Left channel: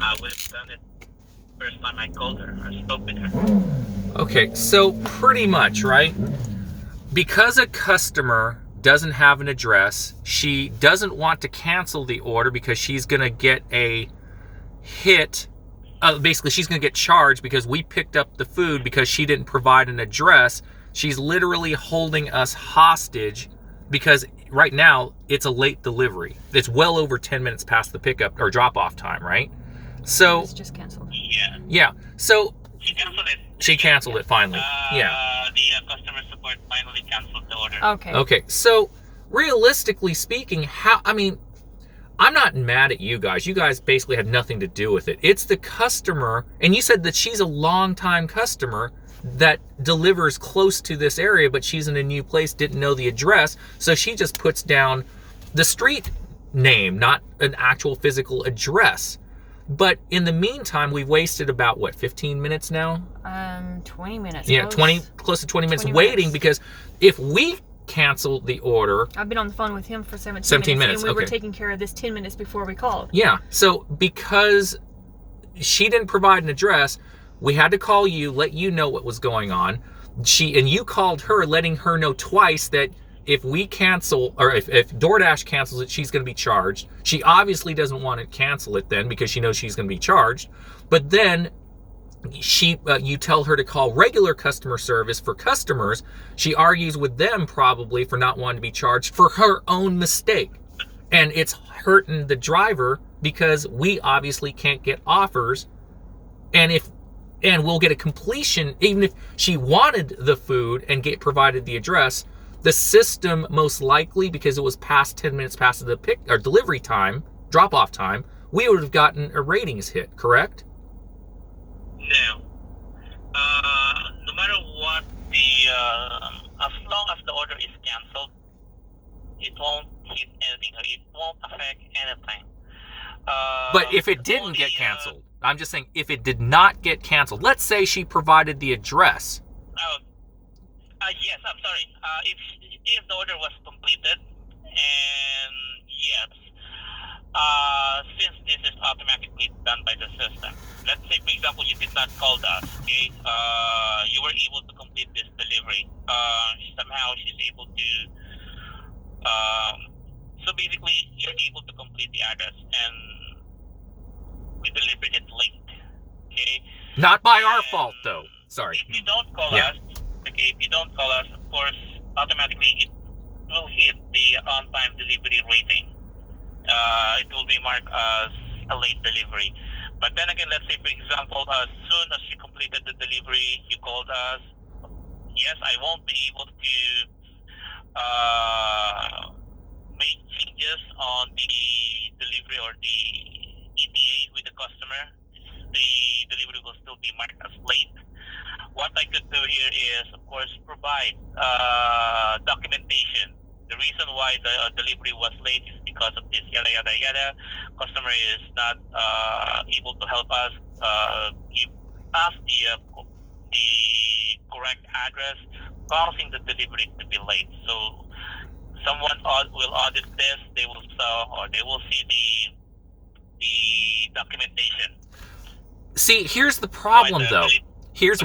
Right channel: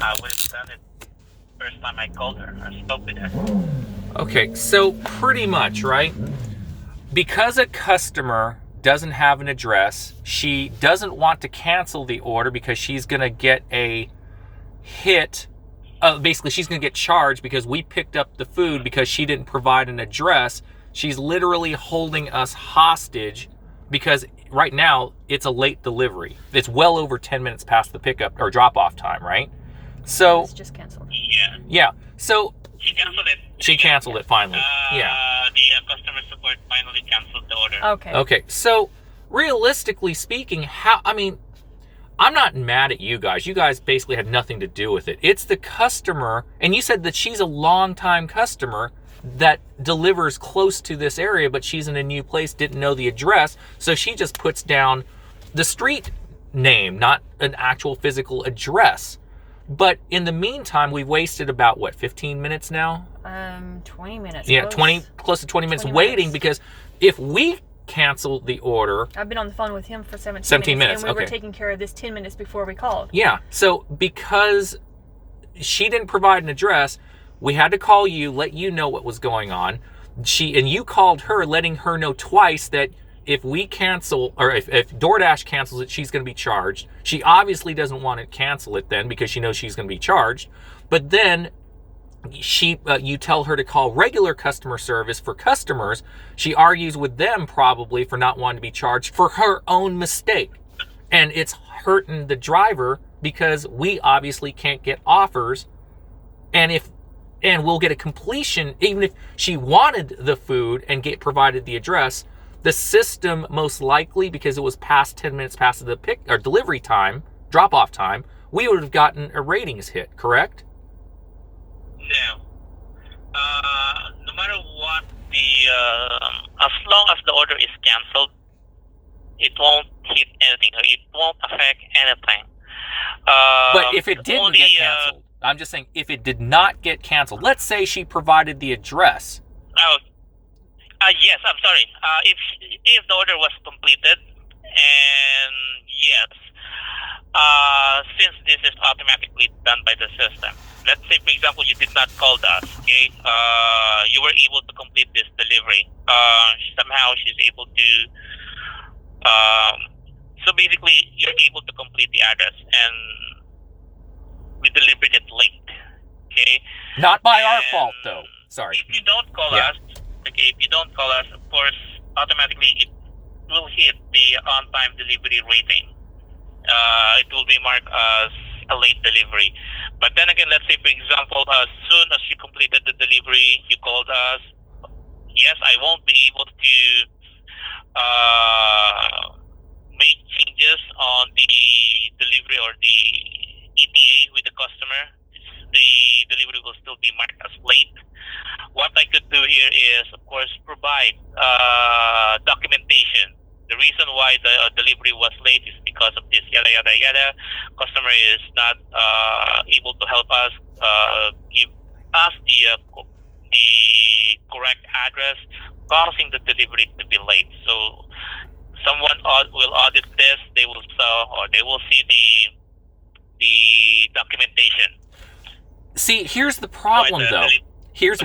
I would have done it first time I called her or spoke with her. Okay, so pretty much, right? Because a customer doesn't have an address, she doesn't want to cancel the order because she's going to get a hit. Basically, she's going to get charged because we picked up the food because she didn't provide an address. She's literally holding us hostage because right now it's a late delivery. It's well over 10 minutes past the pickup or drop-off time, right? So It's just canceled. Yeah. So She canceled it. she canceled it finally. Yeah. The customer support finally canceled the order. Okay. Okay. So realistically speaking, I'm not mad at you guys. You guys basically had nothing to do with it. It's the customer, and you said that she's a long-time customer that delivers close to this area, but she's in a new place, didn't know the address, so she just puts down the street name, not an actual physical address. But in the meantime, we've wasted about, 15 minutes now? 20 minutes. Yeah, close to 20 minutes waiting because if we cancel the order... I've been on the phone with him for 17 minutes, and we were okay. taking care of this 10 minutes before we called. Yeah, so because she didn't provide an address, we had to call you, let you know what was going on. And you called her, letting her know twice that if we cancel, or if DoorDash cancels it, she's going to be charged. She obviously doesn't want to cancel it then because she knows she's going to be charged. But then you tell her to call regular customer service for customers. She argues with them probably for not wanting to be charged for her own mistake. And it's hurting the driver because we obviously can't get offers. And we'll get a completion, even if she wanted the food and provided the address, the system most likely, because it was past 10 minutes past the delivery time, drop-off time, we would have gotten a ratings hit, correct? No. No matter what, as long as the order is canceled, it won't hit anything. It won't affect anything. But if it didn't get canceled, I'm just saying, if it did not get canceled, let's say she provided the address. Yes, I'm sorry. If the order was completed, and yes, since this is automatically done by the system, let's say, for example, you did not call us, okay? You were able to complete this delivery. Somehow she's able to, so basically, you're able to complete the address, and we delivered it late, okay? Not by our fault, though. Sorry. If you don't call us, okay, if you don't call us, of course, automatically it will hit the on-time delivery rating. It will be marked as a late delivery. But then again, let's say, for example, as soon as you completed the delivery, you called us. Yes, I won't be able to make changes on the delivery or the ETA with the customer. The delivery will still be marked as late. What I could do here is, of course, provide documentation. The reason why the delivery was late is because of this yada yada yada. Customer is not able to help us give us the correct address, causing the delivery to be late. So someone will audit this. They will see the documentation. See, here's the problem, though. Here's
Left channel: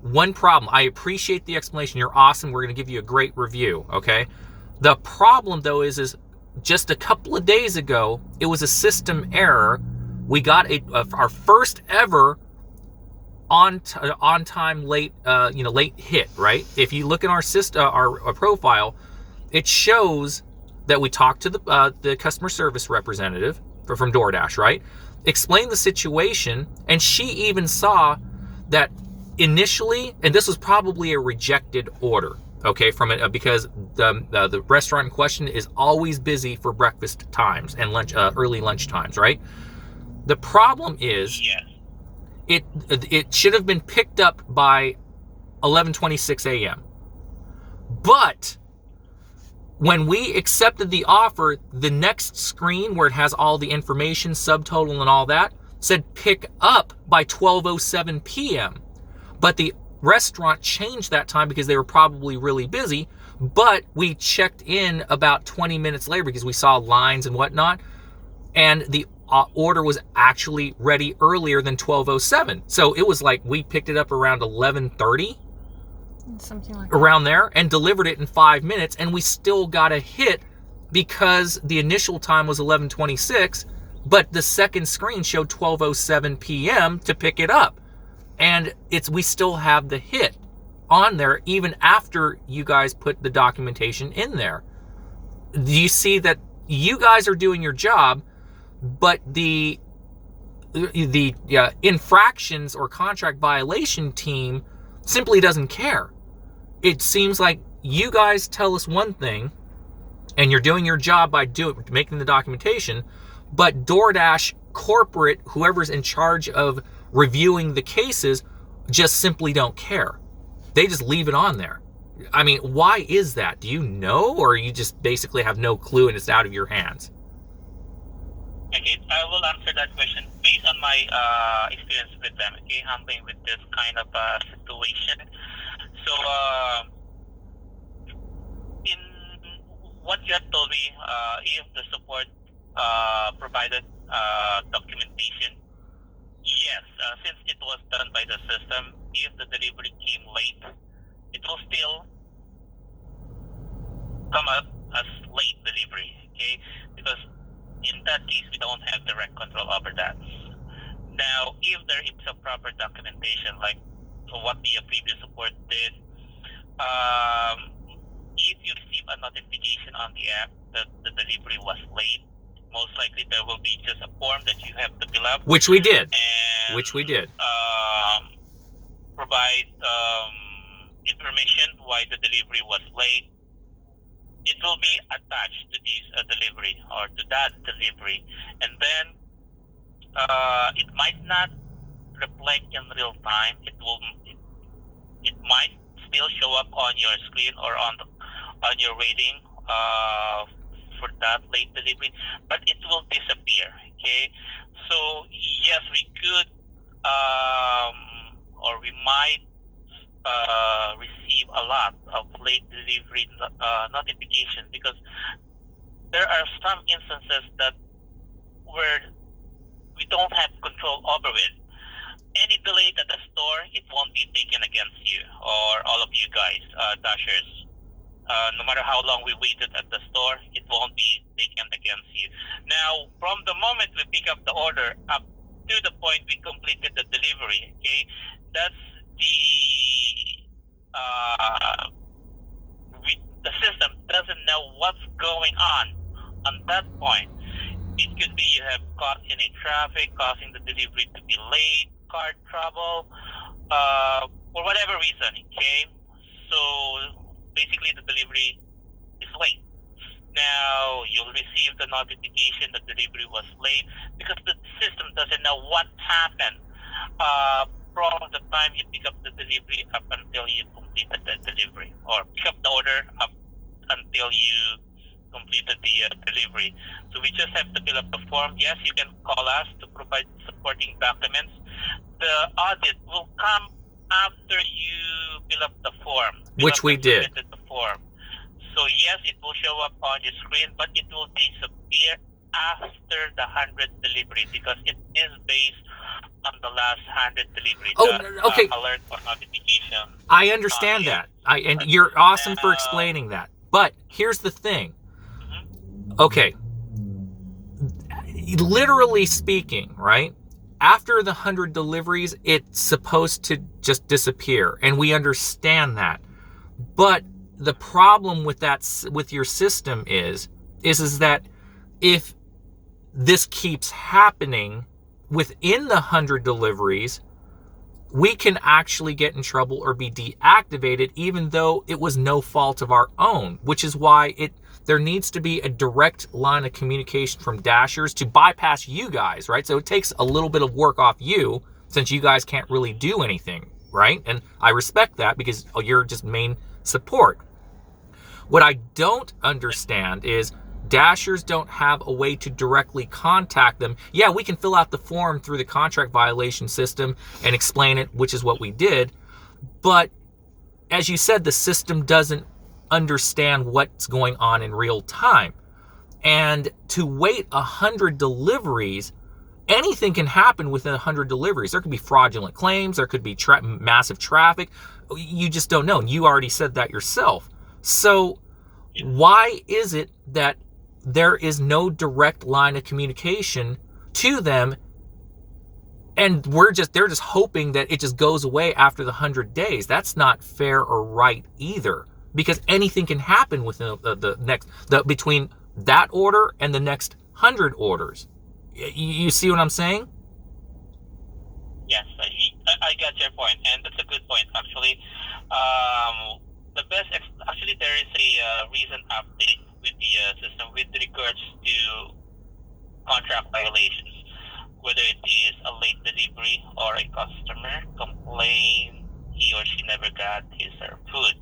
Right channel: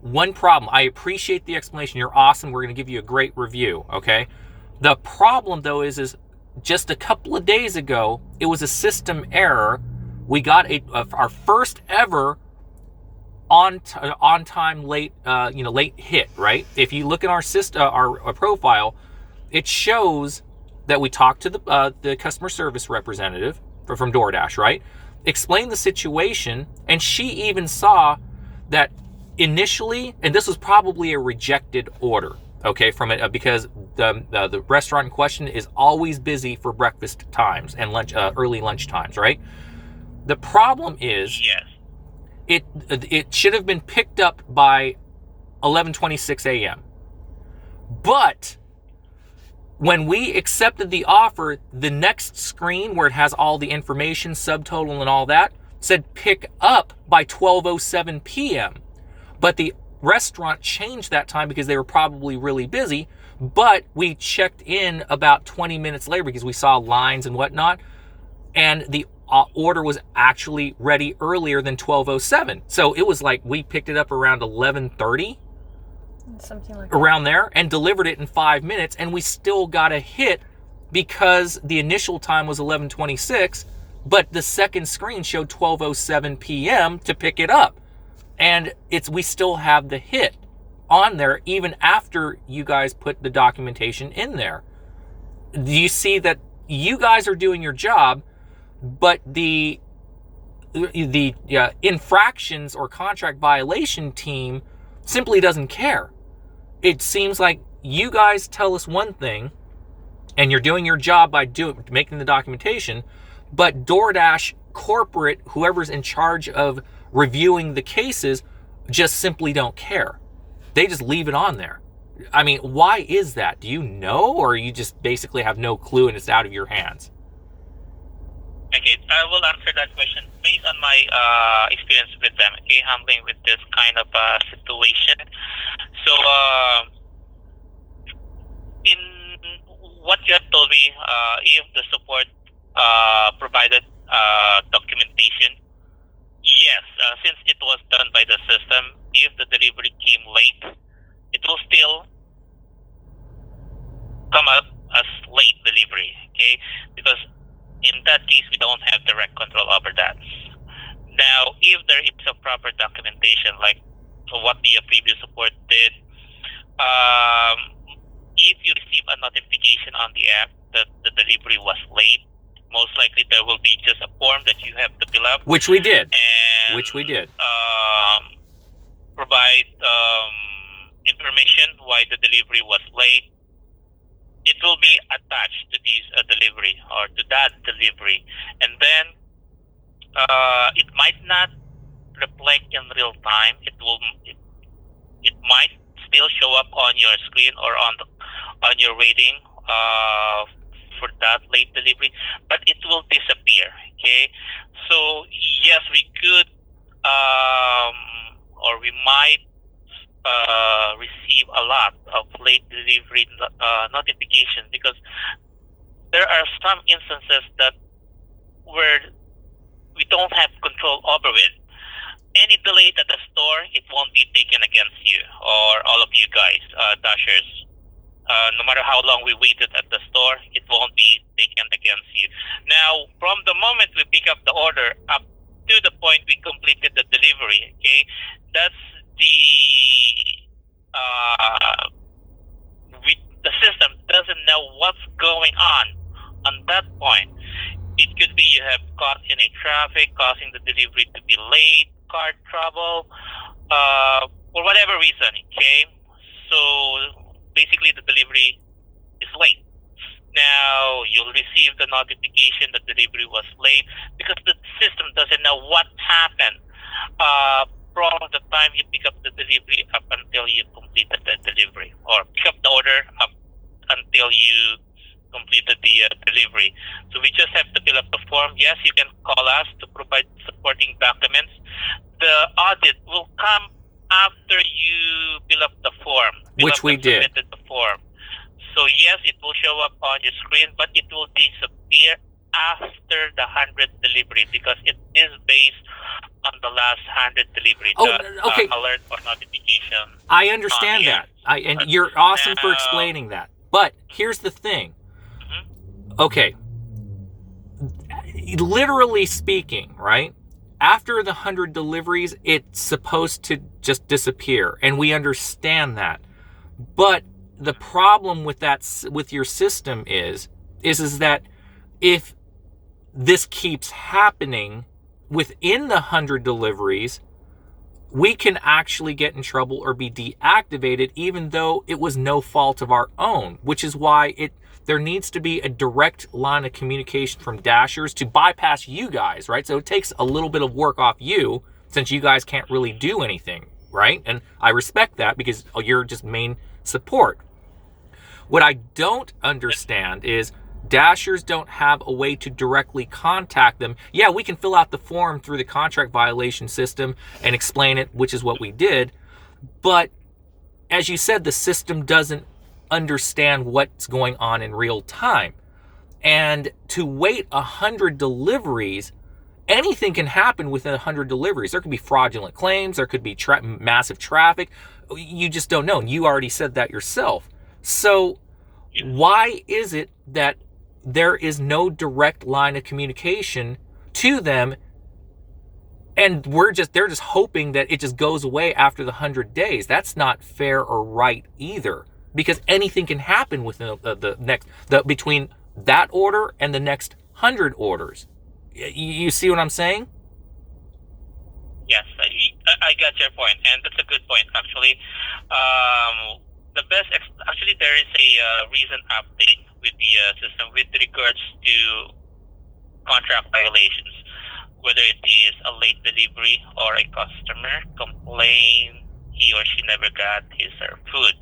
one problem. I appreciate the explanation. You're awesome. We're going to give you a great review, okay? The problem, though, is just a couple of days ago, it was a system error. We got our first ever on time late hit, right? If you look at our system, our profile, it shows that we talked to the customer service representative from DoorDash, right? Explained the situation, and she even saw that initially, and this was probably a rejected order, okay, from it because the restaurant in question is always busy for breakfast times and early lunch times, right? The problem is, yes, it should have been picked up by 11:26 a.m. But when we accepted the offer, the next screen where it has all the information, subtotal and all that, said pick up by 12:07 p.m. But the restaurant changed that time because they were probably really busy. But we checked in about 20 minutes later because we saw lines and whatnot. And the order was actually ready earlier than 12:07. So it was like we picked it up around 11:30, something like that, around there, and delivered it in 5 minutes, and we still got a hit because the initial time was 11:26, but the second screen showed 12:07 p.m. to pick it up. And we still have the hit on there even after you guys put the documentation in there. Do you see that you guys are doing your job, but the infractions or contract violation team simply doesn't care? It seems like you guys tell us one thing and you're doing your job by making the documentation, but DoorDash corporate, whoever's in charge of reviewing the cases, just simply don't care. They just leave it on there. I mean, why is that? Do you know, or you just basically have no clue and it's out of your hands? Okay, I will answer that question based on my experience with them, okay, handling with this kind of situation. So, in what you have told me, if the support provided documentation, yes, since it was done by the system, if the delivery came late, it will still come up as late delivery, okay? Because in that case, we don't have direct control over that. Now, if there is a proper documentation, like what the previous support did, if you receive a notification on the app that the delivery was late, most likely there will be just a form that you have to fill up. Which we did. And, provide information why the delivery was late. It will be attached to this delivery or to that delivery. And then it might not reflect in real time. It might still show up on your screen or on your rating for that late delivery, but it will disappear. Okay, so yes, we could or we might receive a lot of late delivery notification, because there are some instances that where we don't have control over it. Any delay at the store, it won't be taken against you or all of you guys, Dashers. No matter how long we waited at the store, it won't be taken against you. Now, from the moment we pick up the order up to the point we completed the delivery, okay, that's the system doesn't know what's going on that point. It could be you have caught in a traffic, causing the delivery to be late, card trouble, for whatever reason, okay? So basically the delivery is late. Now you'll receive the notification that delivery was late because the system doesn't know what happened from the time you pick up the delivery up until you completed the delivery, or pick up the order up until you completed the delivery. So we just have to fill up the form. Yes, you can call us to provide supporting documents. The audit will come after you fill up the form, which we did. Submitted the form. So yes, it will show up on your screen, but it will disappear after the 100th delivery, because it is based on the last 100 delivery. Okay. Alert or notification. I understand that. And you're awesome for explaining that. But here's the thing. Mm-hmm. Okay. Literally speaking, right? After the 100 deliveries, it's supposed to just disappear. And we understand that. But the problem with that, with your system is that if this keeps happening within the 100 deliveries, we can actually get in trouble or be deactivated, even though it was no fault of our own, which is why there needs to be a direct line of communication from Dashers to bypass you guys, right? So it takes a little bit of work off you, since you guys can't really do anything, right? And I respect that, because you're just main support. What I don't understand is Dashers don't have a way to directly contact them. Yeah, we can fill out the form through the contract violation system and explain it, which is what we did. But as you said, the system doesn't understand what's going on in real time. And to wait 100 deliveries anything can happen within 100 deliveries. There could be fraudulent claims. There could be massive traffic. You just don't know. And you already said that yourself. So why is it that there is no direct line of communication to them, and they're just hoping that it just goes away after the 100 days? That's not fair or right either, because anything can happen within between that order and the next 100 orders. You see what I'm saying? Yes, I got your point, and that's a good point, actually. Actually, there is a recent update with the system with regards to contract violations, whether it is a late delivery or a customer complain he or she never got his or her food.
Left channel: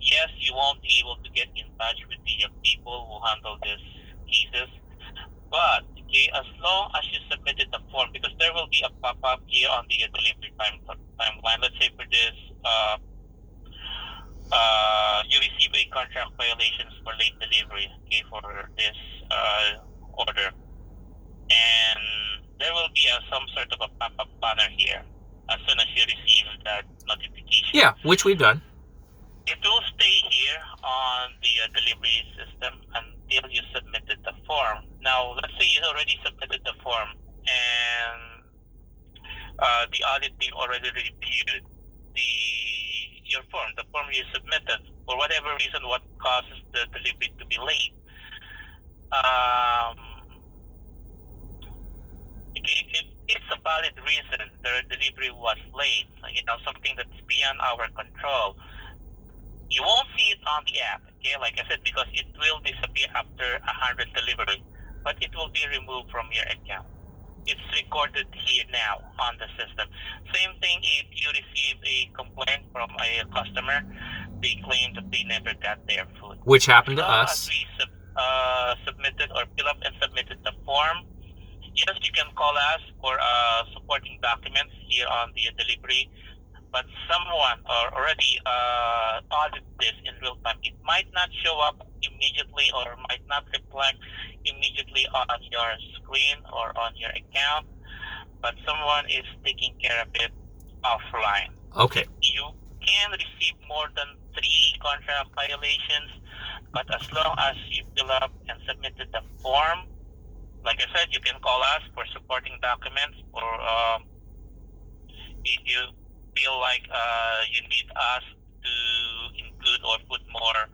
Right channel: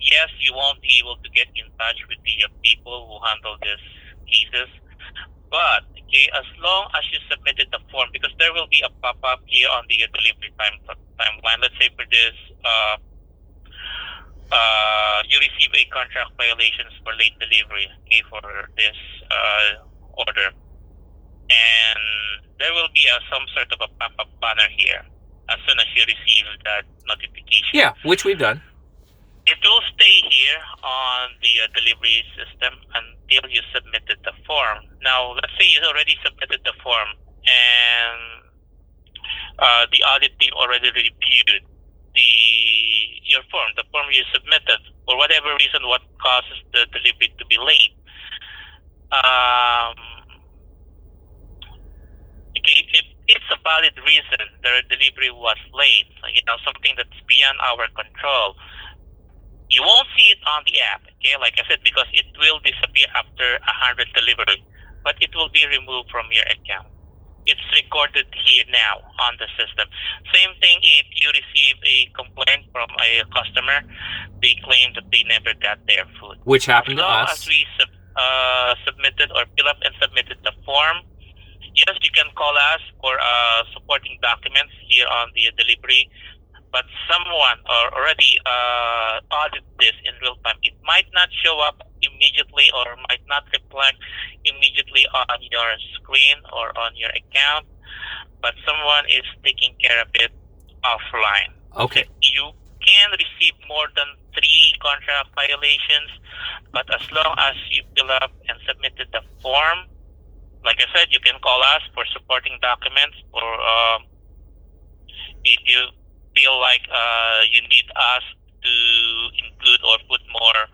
Yes, you won't be able to get in touch with the people who handle these cases, but okay, as long as you submitted the form, because there will be a pop-up here on the delivery timeline. Let's say for this, you receive a contract violations for late delivery, okay, for this order, and there will be some sort of a pop-up banner here as soon as you receive that notification. Yeah, which we've done. It will stay here on the delivery system until you submitted the form. Now, let's say you already submitted the form and the audit team already reviewed your form, the form you submitted. For whatever reason, what causes the delivery to be late? If it's a valid reason the delivery was late, something that's beyond our control, you won't see it on the app, okay? Like I said, because it will disappear after 100 delivery, but it will be removed from your account. It's recorded here now on the system. Same thing if you receive a complaint from a customer, they claim that they never got their food. Which happened to us. As we submitted or fill up and submitted the form, yes, you can call us for supporting documents here on the delivery, but someone already audited this in real time. It might not show up immediately or might not reflect immediately on your screen or on your account, but someone is taking care of it offline. Okay. You can receive more than 3 contract violations, but as long as you fill up and submitted the form, like I said, you can call us for supporting documents, or if you feel like you need us to include or put more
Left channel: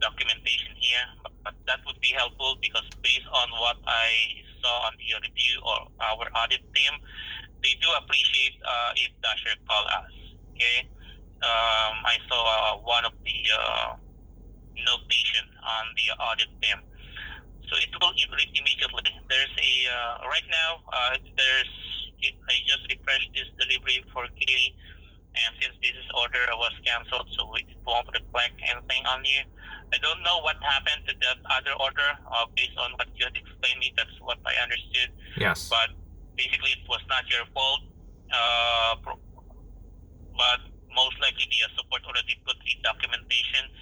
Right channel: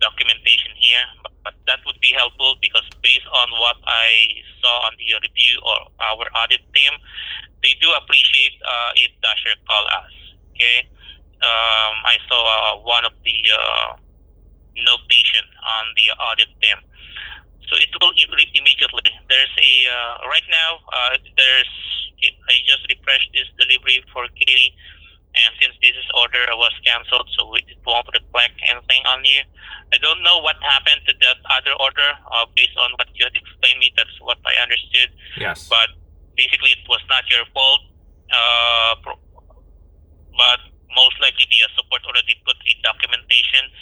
documentation here, but that would be helpful, because based on what I saw on the review or our audit team, they do appreciate if Dasher call us. Okay, I saw one of the notation on the audit team, so it will immediately. There's a right now. I just refreshed this delivery for Katie. And since this order was canceled, so it won't reflect anything on you. I don't know what happened to that other order. Based on what you had explained me, that's what I understood. Yes. But basically, it was not your fault. But most likely, the support already put the documentation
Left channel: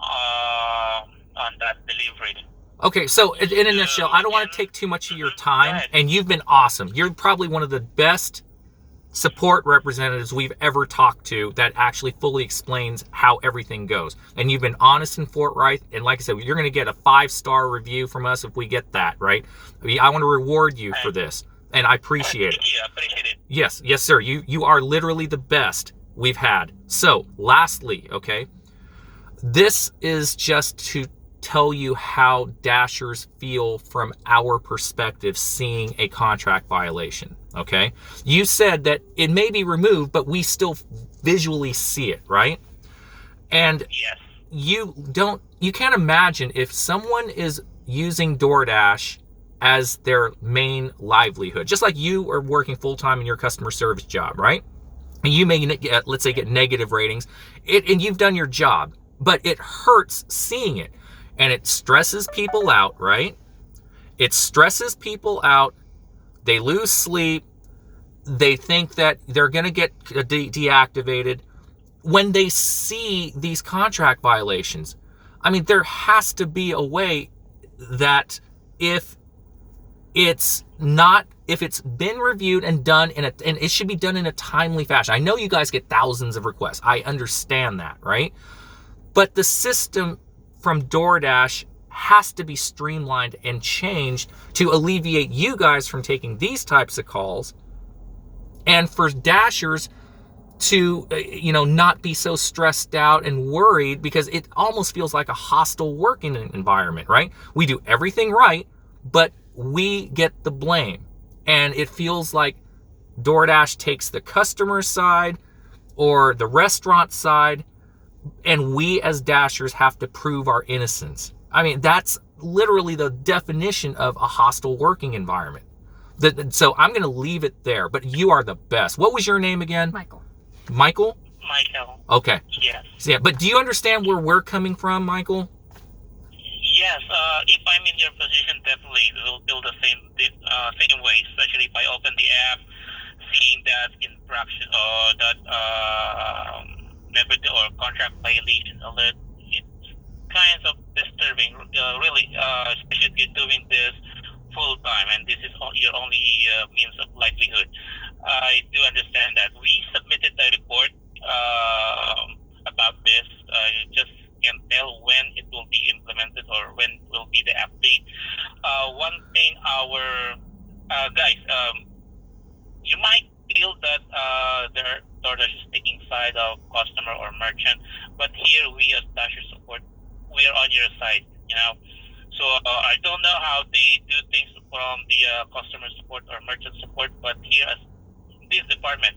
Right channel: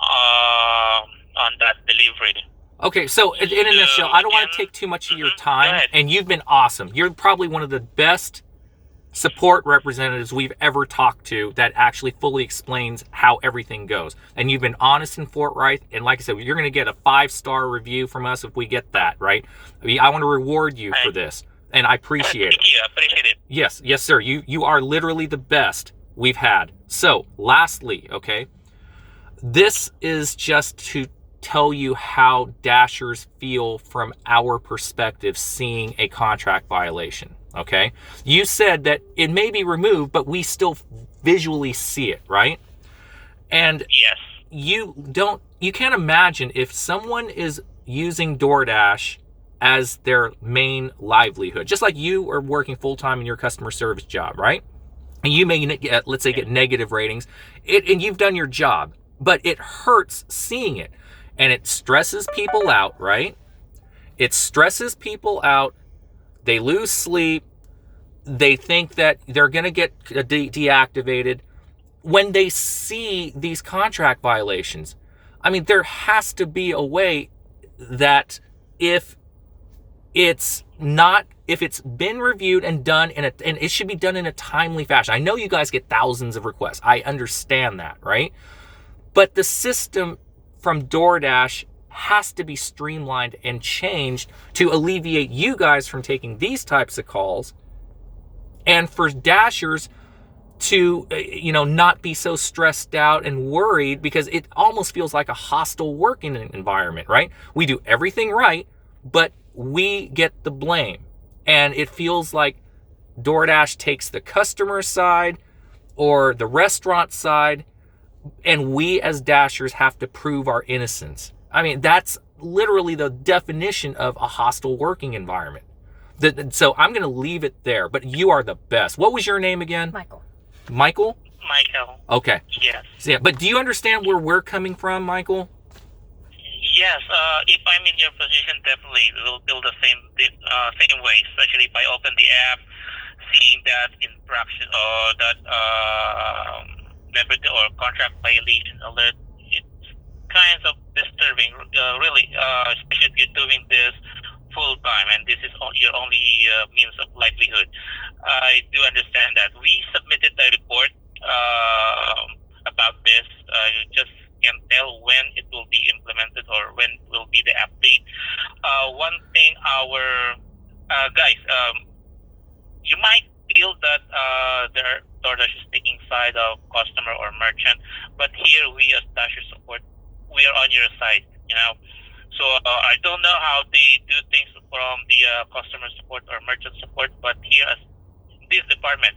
on that delivery. Okay, so in a nutshell, I don't want to take too much of your time, and you've been awesome. You're probably one of the best support representatives we've ever talked to that actually fully explains how everything goes. And you've been honest and forthright. And like I said, you're going to get a 5-star review from us if we get that, right? I want to reward you for this, and I appreciate it. Thank you. I appreciate it. Yes, sir. You are literally the best we've had. So, lastly, okay, this is just to tell you how Dashers feel from our perspective seeing a contract violation. Okay, you said that it may be removed, but we still visually see it, right? And yes, you can't imagine if someone is using Doordash as their main livelihood, just like you are working full-time in your customer service job, right? And you may get, let's say, get negative ratings, and you've done your job, but it hurts seeing it, and it stresses people out, right? It stresses people out. They lose sleep. They think that they're going to get deactivated when they see these contract violations. I mean, there has to be a way that if it's not, if it's been reviewed and done and it should be done in a timely fashion. I know you guys get thousands of requests. I understand that, right? But the system from Doordash has to be streamlined and changed to alleviate you guys from taking these types of calls, and for Dashers to, not be so stressed out and worried, because it almost feels like a hostile working environment, right? We do everything right, but we get the blame. And it feels like DoorDash takes the customer side or the restaurant side, and we as Dashers have to prove our innocence. I mean, that's literally the definition of a hostile working environment. So I'm going to leave it there, but you are the best. What was your name again? Michael. Michael? Michael. Okay. Yes. So, yeah, but do you understand where we're coming from, Michael? Yes. If I'm in your position, definitely it will feel the same way. Especially if I open the app, seeing that infraction or that member or contract violation alert, it's kind of disturbing, really. Especially if you're doing this full time, and this is your only means of livelihood. I do understand that. We submitted a report about this. Just can't tell when it will be implemented or when will be the update. One thing, our guys, you might feel that DoorDash is taking side of customer or merchant, but here we as Dasher support, we are on your side. So I don't know how they do things from the customer support or merchant support, but here as this department,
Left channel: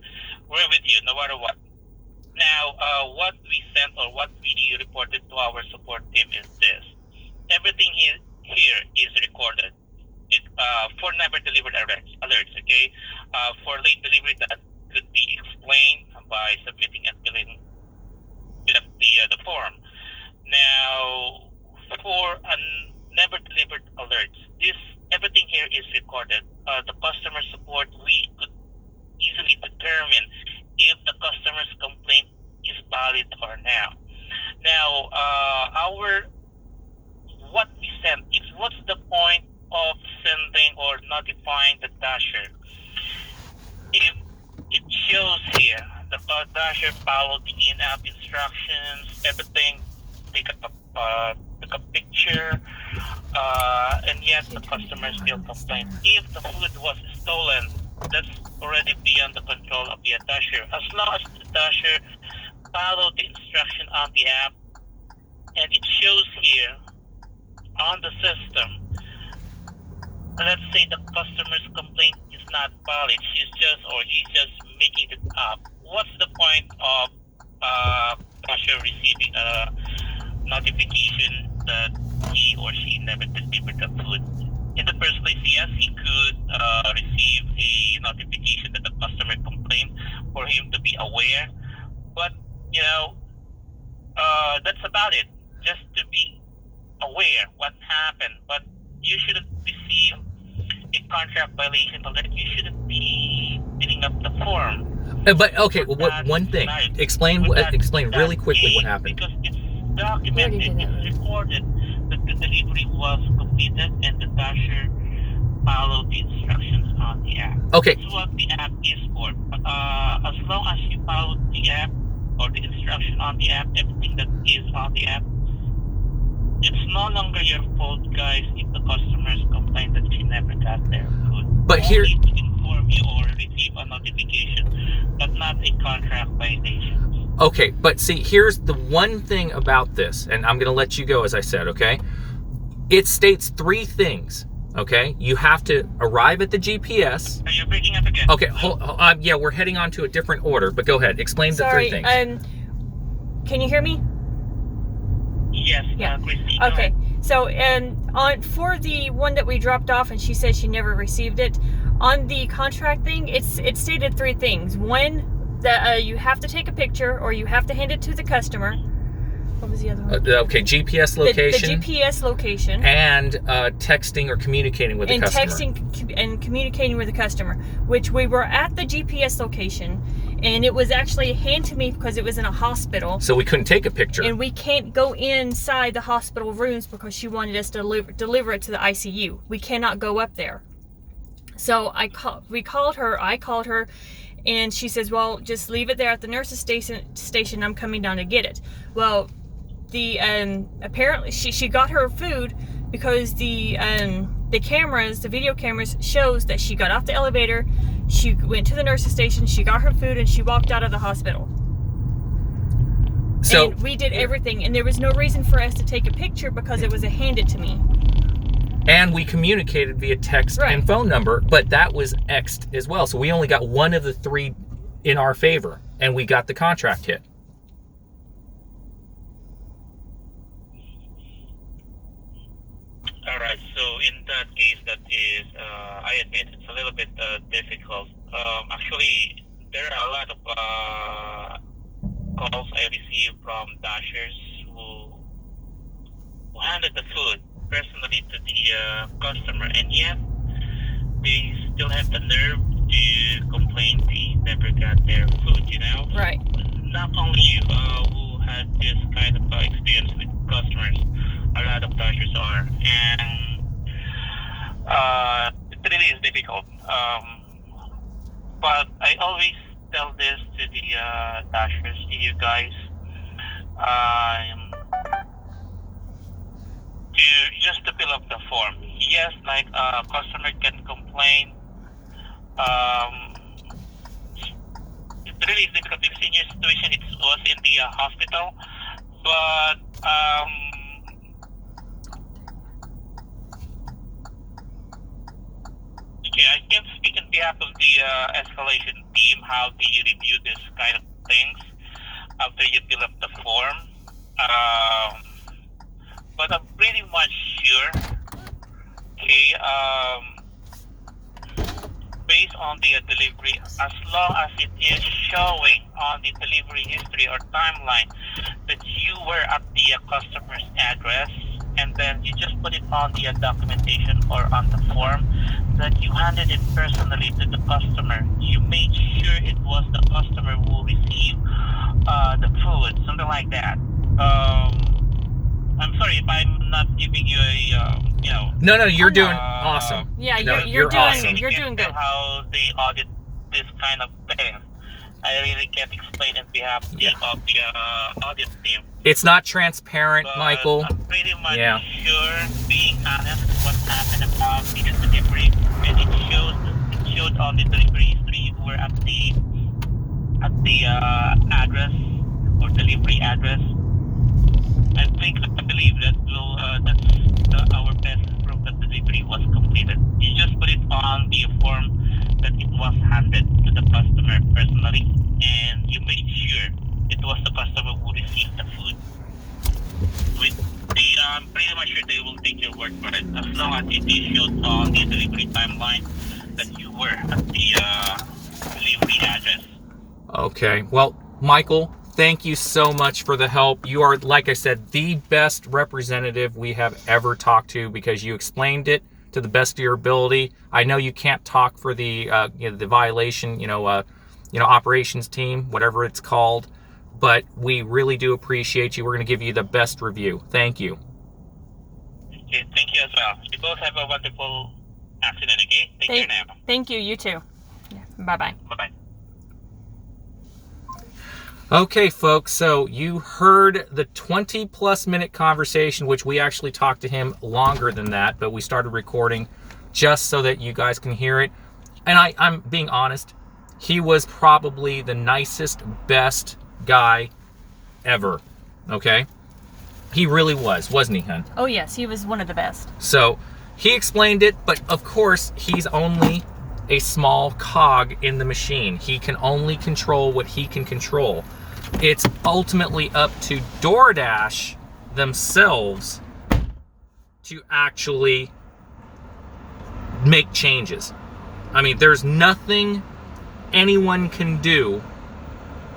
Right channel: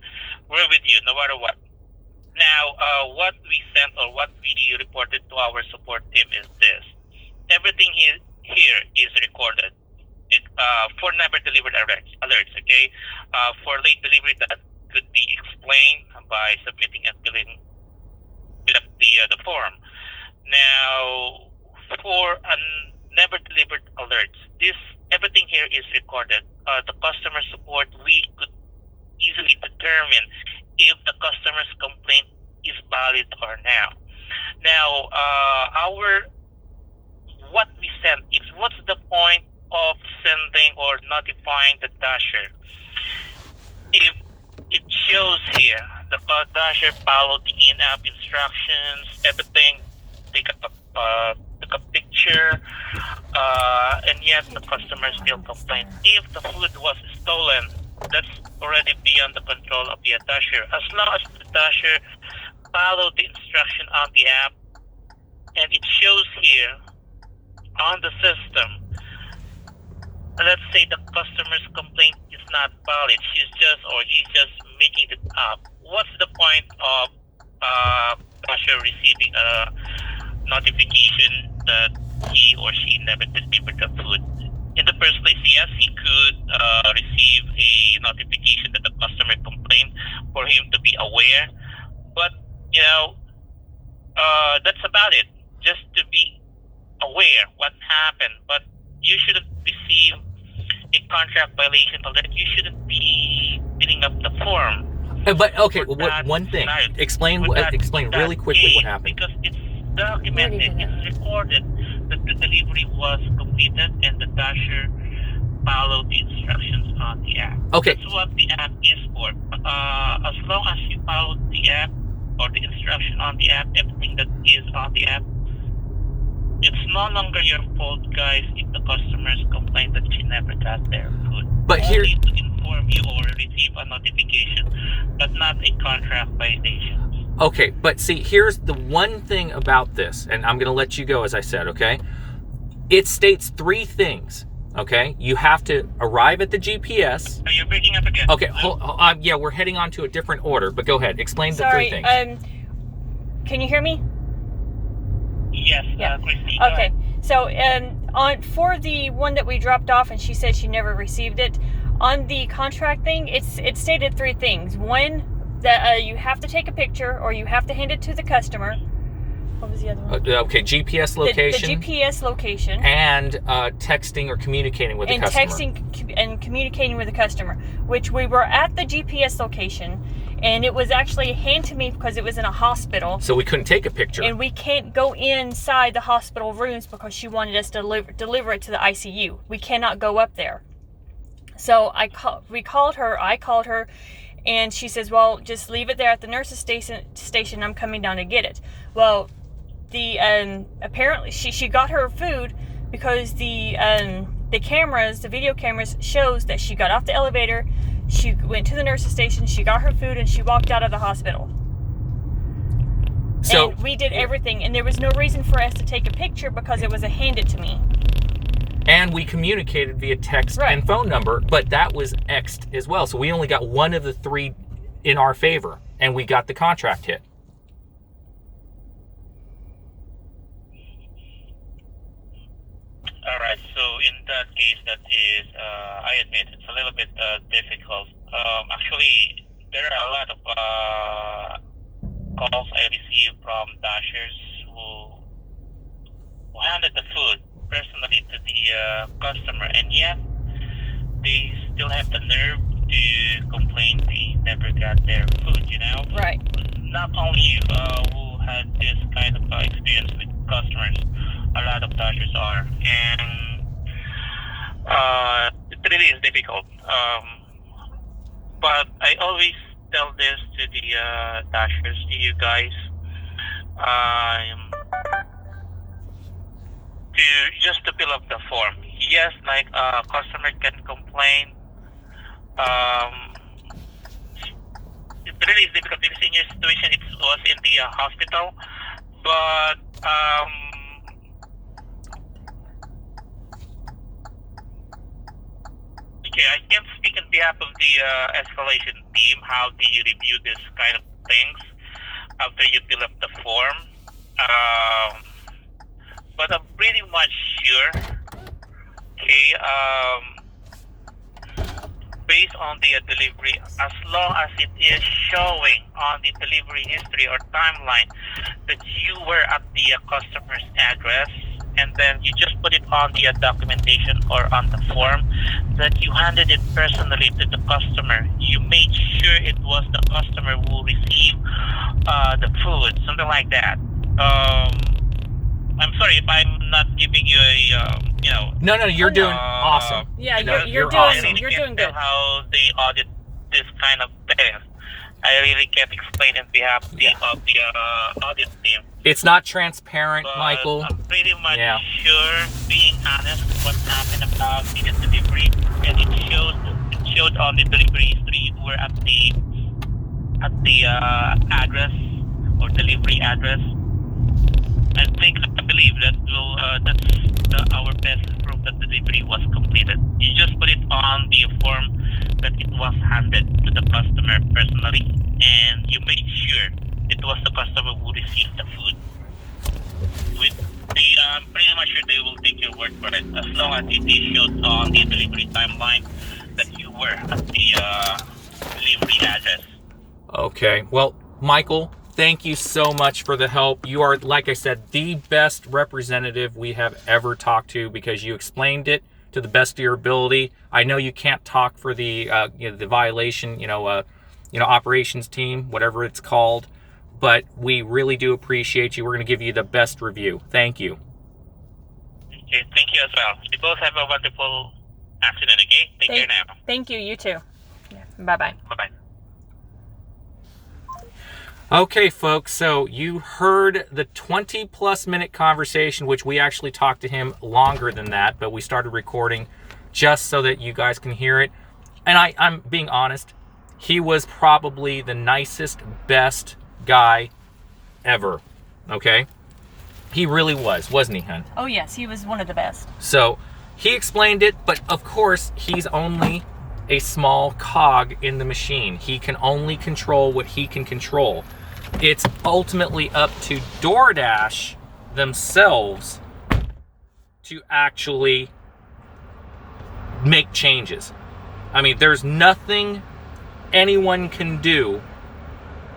we're with you no matter what. Now, what we sent or what we reported to our support team is this. Everything here is recorded. For never delivered alerts, okay? For late delivery, that could be explained by submitting and filling up the form. Now, for never delivered alerts, everything here is recorded. The customer support, we could easily determine if the customer's complaint is valid or not. Now, what we send is, what's the point of sending or notifying the Dasher if it shows here the Dasher followed the in-app instructions, everything, take a picture, and yet the customer still complains. If the food was stolen, that's already beyond the control of the Dasher. As long as the Dasher followed the instruction on the app, and it shows here on the system, let's say the customer's complaint is not valid, he's just making it up. What's the point of Dasher receiving a notification that he or she never delivered the food? In the first place, yes, he could receive a notification that the customer complained for him to be aware, but that's about it. Just to be aware what happened, but you shouldn't receive a contract violation alert. You shouldn't be filling up the form. But okay, one thing. Explain really quickly what happened. Because it's documented, it's recorded that the delivery was completed and the Dasher followed the instructions on the app. Okay. That's what the app is for. As long as you follow the app or the instruction on the app, everything that is on the app, it's no longer your fault, guys, if the customers complain that she never got their food. But here, only to inform you or receive a notification, but not a contract violation. Okay, but see, here's the one thing about this, and I'm going to let you go, as I said, okay? It states 3 things, okay? You have to arrive at the GPS. You're breaking up again. Okay, yeah, we're heading on to a different order, but go ahead. Explain the 3 things. Can you hear me? Yes, yeah. Christy, okay, so for the one that we dropped off and she said she never received it, on the contract thing, it stated 3 things. One, that you have to take a picture or you have to hand it to the customer. What was the other one? Okay, GPS location. The GPS location. And texting or communicating with the customer. And texting and communicating with the customer, which we were at the GPS location, and it was actually handed to me because it was in a hospital. So we couldn't take a picture. And we can't go inside the hospital rooms because she wanted us to deliver it to the ICU. We cannot go up there. So we called her. I called her, and she says, "Well, just leave it there at the nurse's station. I'm coming down to get it." Well, apparently she got her food because the cameras, the video cameras, shows that she got off the elevator, she went to the nurse's station, she got her food, and she walked out of the hospital. So and we did everything, and there was no reason for us to take a picture because it was a hand it to me. And we communicated via text and phone number, but that was X'd as well. So we only got one of the three in our favor, and we got the contract hit. All right. So in that case, that is, I admit it's a little bit difficult. Actually, there are a lot of calls I receive from dashers who handed the food personally to the customer, and yet they still have the nerve to complain they never got their food, you know? Right. Not only you who had this kind of experience with customers, a lot of dashers are, and it really is difficult. But I always tell this to the dashers, to you guys, just to fill up the form. Yes, like a customer can complain. It really is difficult because in your situation it was in the hospital, but okay, I can't speak on behalf of the escalation team. How do you review this kind of things after you fill up the form? But I'm pretty much sure, okay, based on the delivery, as long as it is showing on the delivery history or timeline that you were at the customer's address, and then you just put it on the documentation or on the form that you handed it personally to the customer. You made sure it was the customer who received the food, something like that. I'm sorry if I'm not giving you a, No, you're doing awesome. Yeah, you're doing awesome. you're doing good. How they audit this kind of thing, I really can't explain on behalf of the audit team. It's not transparent, But Michael. I'm pretty much sure, being honest, what happened about the delivery, and it showed on the delivery history who were at the address or delivery address. I believe that that's our best proof that the delivery was completed. You just put it on the form that it was handed to the customer personally, and you made sure it was the customer who received the food. I'm pretty much sure they will take your word for it, as long as it is showed on the delivery timeline that you were at the delivery address. Okay. Well, Michael, thank you so much for the help. You are, like I said, the best representative we have ever talked to, because you explained it to the best of your ability. I know you can't talk for the the violation, operations team, whatever it's called, but we really do appreciate you. We're going to give you the best review. Thank you. Okay, thank you as well. We both have a wonderful afternoon, okay? Take care now. Thank you, you too. Yeah, bye-bye. Bye-bye. Okay, folks, so you heard the 20-plus minute conversation, which we actually talked to him longer than that, but we started recording just so that you guys can hear it. And I'm being honest, he was probably the nicest, best guy ever, okay? He really was, wasn't he, hun? Oh, yes, he was one of the best. So he explained it, but of course, he's only a small cog in the machine. He can only control what he can control. It's ultimately up to Doordash themselves to actually make changes. I mean, there's nothing anyone can do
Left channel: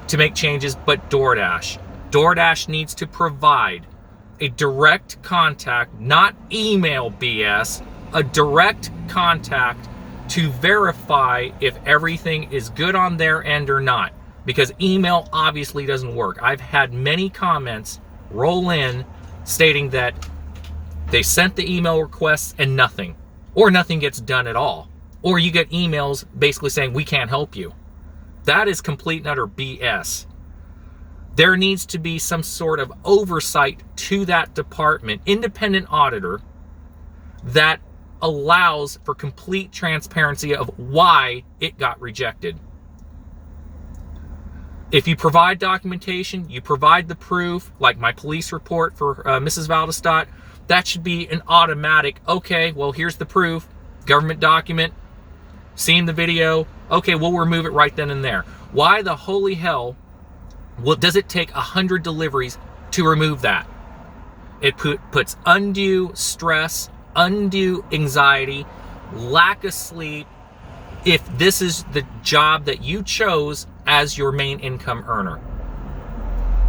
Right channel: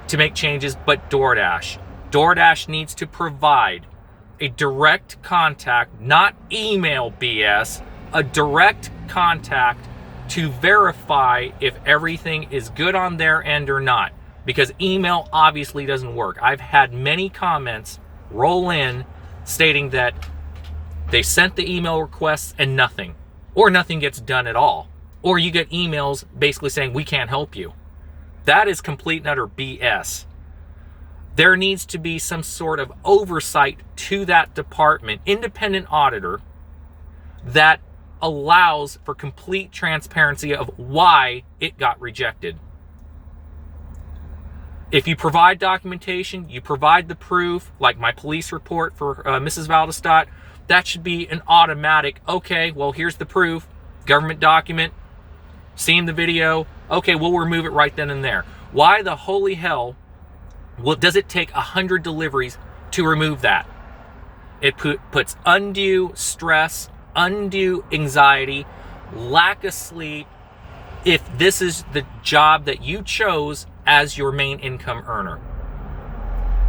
to make changes but Doordash. Doordash needs to provide a direct contact, not email BS, a direct contact to verify if everything is good on their end or not. Because email obviously doesn't work. I've had many comments roll in stating that they sent the email requests and nothing, or nothing gets done at all. or you get emails basically saying we can't help you. That is complete and utter BS. There needs to be some sort of oversight to that department, independent auditor, that allows for complete transparency of why it got rejected. If you provide documentation, you provide the proof, like my police report for Mrs. Valdestat, that should be an automatic, okay, well, here's the proof, government document, seen the video, okay, we'll remove it right then and there. Why the holy hell does it take 100 deliveries to remove that? It puts undue stress, undue anxiety, lack of sleep, if this is the job that you chose as your main income earner.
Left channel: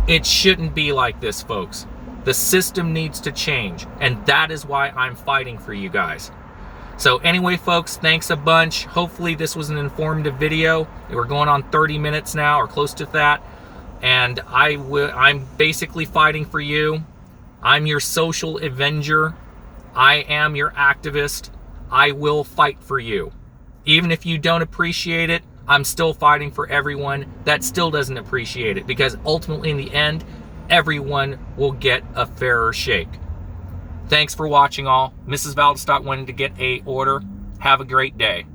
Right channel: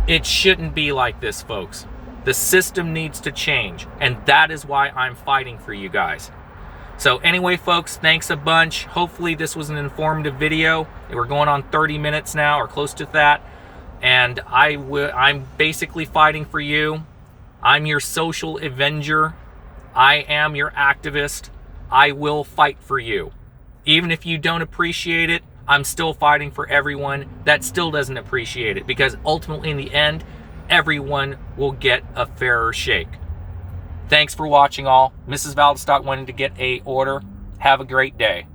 It shouldn't be like this, folks. The system needs to change, and that is why I'm fighting for you guys. So anyway, folks, thanks a bunch. Hopefully this was an informative video. We're going on 30 minutes now, or close to that. And I'm basically fighting for you. I'm your social avenger. I am your activist. I will fight for you. Even if you don't appreciate it, I'm still fighting for everyone that still doesn't appreciate it, because ultimately in the end, everyone will get a fairer shake. Thanks for watching all. Mrs. Valdestat wanted to get an order. Have a great day.